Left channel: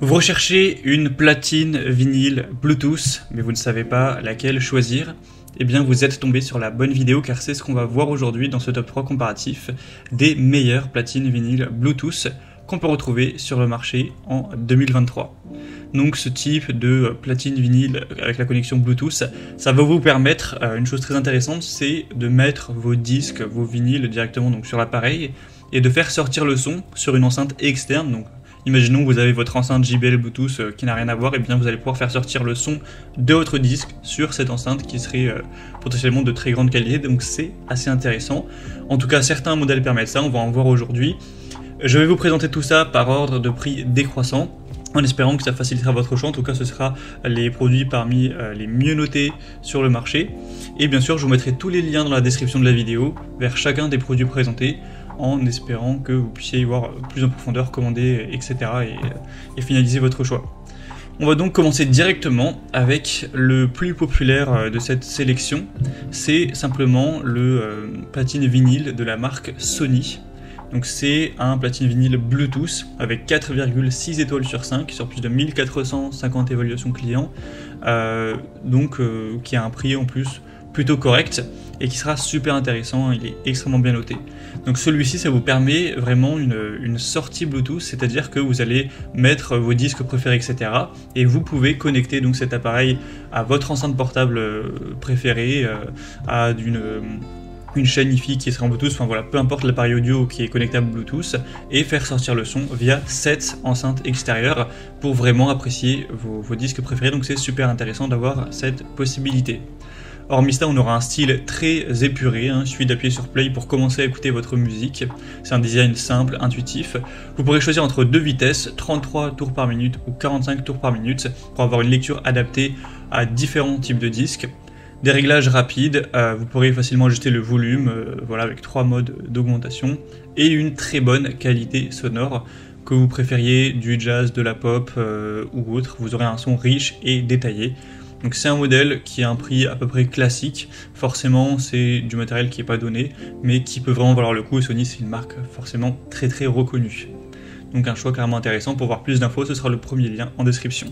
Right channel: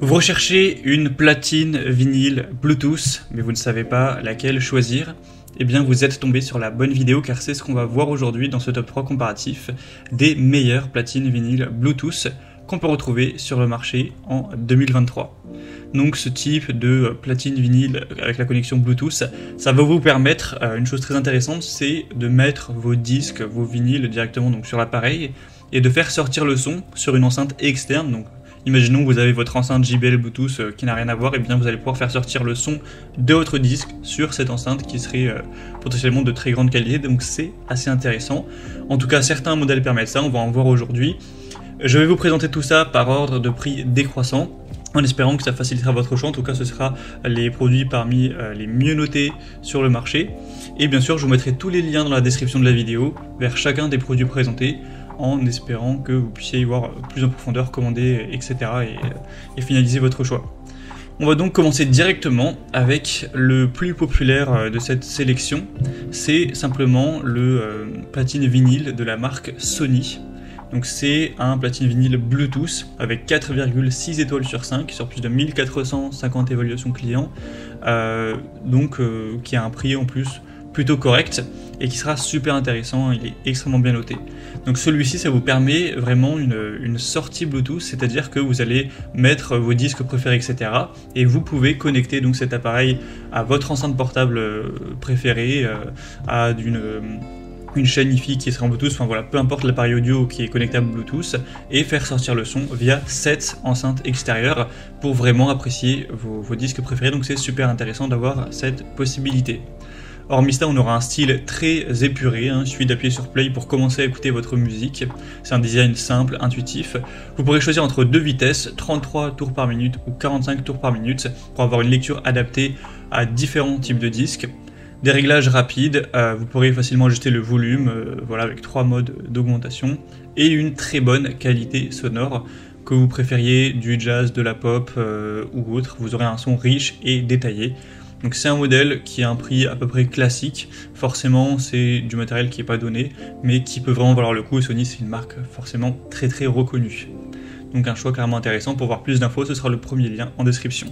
Vous recherchez une platine vinyle Bluetooth, mais vous ne savez pas laquelle choisir. Eh bien, vous êtes tombé sur la bonne vidéo car c'est ce qu'on va voir aujourd'hui dans ce top 3 comparatif des meilleures platines vinyle Bluetooth qu'on peut retrouver sur le marché en 2023. Donc ce type de platine vinyle avec la connexion Bluetooth, ça va vous permettre une chose très intéressante, c'est de mettre vos disques, vos vinyles directement donc, sur l'appareil et de faire sortir le son sur une enceinte externe. Donc, imaginons que vous avez votre enceinte JBL Bluetooth qui n'a rien à voir, et bien vous allez pouvoir faire sortir le son de votre disque sur cette enceinte qui serait potentiellement de très grande qualité, donc c'est assez intéressant. En tout cas, certains modèles permettent ça, on va en voir aujourd'hui. Je vais vous présenter tout ça par ordre de prix décroissant, en espérant que ça facilitera votre choix. En tout cas, ce sera les produits parmi les mieux notés sur le marché. Et bien sûr, je vous mettrai tous les liens dans la description de la vidéo vers chacun des produits présentés, en espérant que vous puissiez y voir plus en profondeur, commander, etc. et finaliser votre choix. On va donc commencer directement avec le plus populaire de cette sélection. C'est simplement le platine vinyle de la marque Sony. Donc c'est un platine vinyle Bluetooth avec 4,6 étoiles sur 5 sur plus de 1450 évaluations clients, qui a un prix en plus plutôt correct et qui sera super intéressant, il est extrêmement bien noté. Donc celui-ci, ça vous permet vraiment une sortie Bluetooth, c'est-à-dire que vous allez mettre vos disques préférés, etc. et vous pouvez connecter donc cet appareil à votre enceinte portable préférée, à une chaîne Wi-Fi qui sera en Bluetooth, enfin voilà, peu importe l'appareil audio qui est connectable Bluetooth, et faire sortir le son via cette enceinte extérieure pour vraiment apprécier vos disques préférés. Donc c'est super intéressant d'avoir cette possibilité. Hormis cela, on aura un style très épuré, il suffit d'appuyer sur play pour commencer à écouter votre musique. C'est un design simple, intuitif. Vous pourrez choisir entre deux vitesses, 33 tours par minute ou 45 tours par minute, pour avoir une lecture adaptée à différents types de disques. Des réglages rapides, vous pourrez facilement ajuster le volume, avec 3 modes d'augmentation, et une très bonne qualité sonore. Que vous préfériez du jazz, de la pop ou autre, vous aurez un son riche et détaillé. Donc c'est un modèle qui a un prix à peu près classique, forcément c'est du matériel qui n'est pas donné, mais qui peut vraiment valoir le coup, et Sony c'est une marque forcément très très reconnue. Donc un choix carrément intéressant. Pour voir plus d'infos, ce sera le premier lien en description.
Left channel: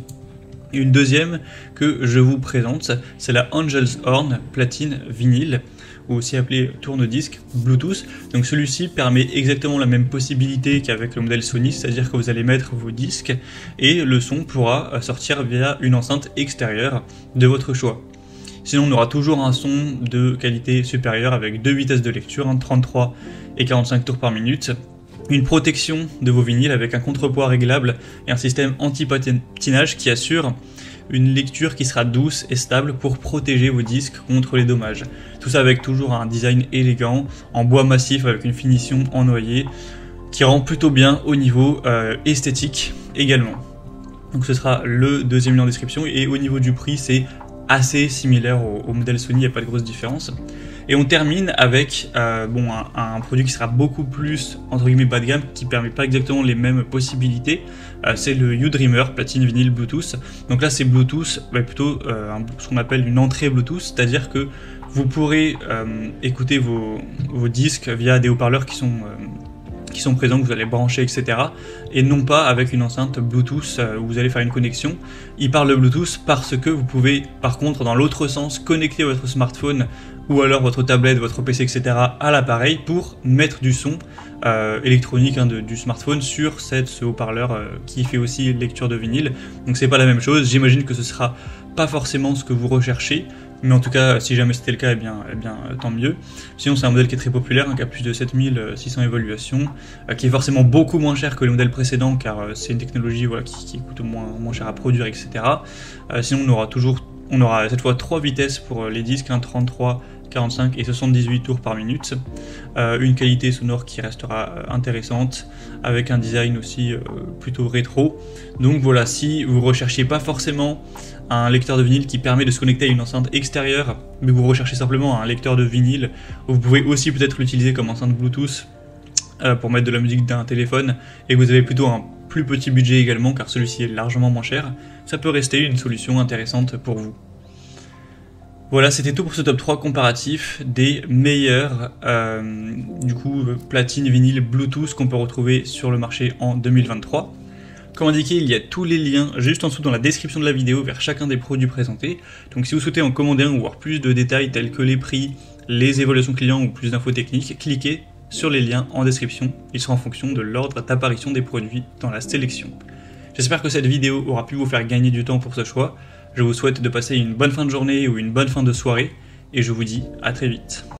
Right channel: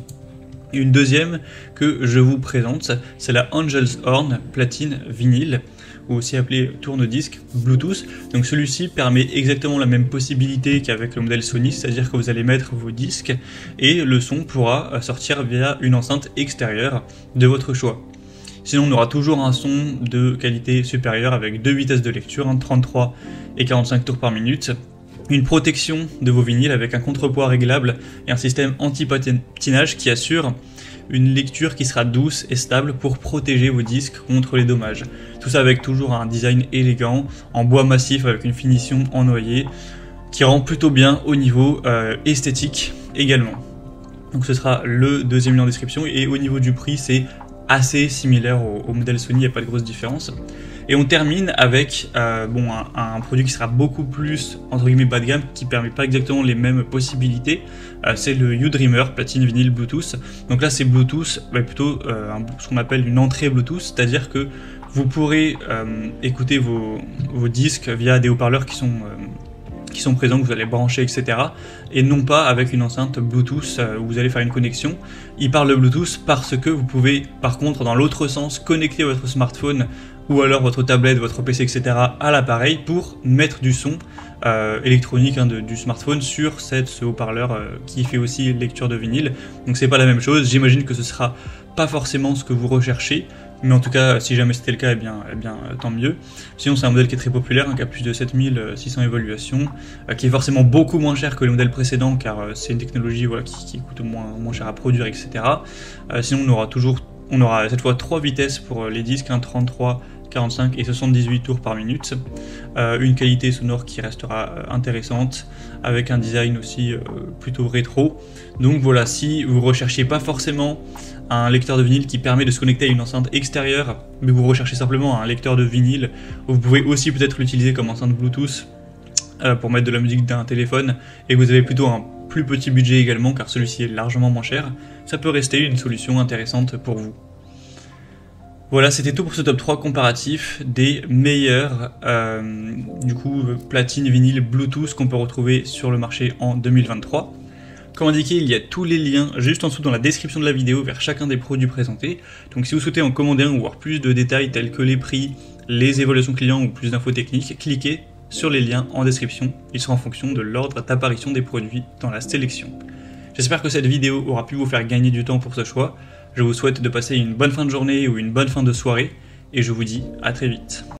Et une deuxième que je vous présente, c'est la Angel's Horn platine vinyle, ou aussi appelé tourne-disque Bluetooth. Donc celui-ci permet exactement la même possibilité qu'avec le modèle Sony, c'est-à-dire que vous allez mettre vos disques et le son pourra sortir via une enceinte extérieure de votre choix. Sinon on aura toujours un son de qualité supérieure avec deux vitesses de lecture, 33 et 45 tours par minute, une protection de vos vinyles avec un contrepoids réglable et un système anti-patinage qui assure une lecture qui sera douce et stable pour protéger vos disques contre les dommages. Tout ça avec toujours un design élégant, en bois massif avec une finition en noyer, qui rend plutôt bien au niveau esthétique également. Donc ce sera le deuxième lien en description, et au niveau du prix c'est assez similaire au modèle Sony, il n'y a pas de grosse différence. Et on termine avec un produit qui sera beaucoup plus entre guillemets bas de gamme, qui permet pas exactement les mêmes possibilités. C'est le U-Dreamer platine vinyle Bluetooth. Donc là c'est Bluetooth, mais plutôt ce qu'on appelle une entrée Bluetooth, c'est-à-dire que vous pourrez écouter vos disques via des haut-parleurs qui sont présents, que vous allez brancher, etc. Et non pas avec une enceinte Bluetooth où vous allez faire une connexion. Il parle de Bluetooth parce que vous pouvez, par contre, dans l'autre sens, connecter votre smartphone ou alors votre tablette, votre PC, etc. à l'appareil pour mettre du son électronique du smartphone sur ce haut-parleur qui fait aussi lecture de vinyle. Donc c'est pas la même chose. J'imagine que ce sera pas forcément ce que vous recherchez, mais en tout cas, si jamais c'était le cas, eh bien, tant mieux. Sinon, c'est un modèle qui est très populaire, qui a plus de 7600 évaluations, qui est forcément beaucoup moins cher que le modèle précédent, car c'est une technologie qui coûte moins cher à produire, etc. Sinon, on aura cette fois 3 vitesses pour les disques, 33, 45 et 78 tours par minute. Une qualité sonore qui restera intéressante, avec un design aussi plutôt rétro. Donc voilà, si vous ne recherchez pas forcément un lecteur de vinyle qui permet de se connecter à une enceinte extérieure, mais vous recherchez simplement un lecteur de vinyle, vous pouvez aussi peut-être l'utiliser comme enceinte Bluetooth pour mettre de la musique dans un téléphone, et vous avez plutôt un plus petit budget également, car celui-ci est largement moins cher, ça peut rester une solution intéressante pour vous. Voilà, c'était tout pour ce top 3 comparatif des meilleurs platines vinyle Bluetooth qu'on peut retrouver sur le marché en 2023. Comme indiqué, il y a tous les liens juste en dessous dans la description de la vidéo vers chacun des produits présentés. Donc si vous souhaitez en commander un ou voir plus de détails tels que les prix, les évaluations clients ou plus d'infos techniques, cliquez sur les liens en description. Ils sont en fonction de l'ordre d'apparition des produits dans la sélection. J'espère que cette vidéo aura pu vous faire gagner du temps pour ce choix. Je vous souhaite de passer une bonne fin de journée ou une bonne fin de soirée et je vous dis à très vite.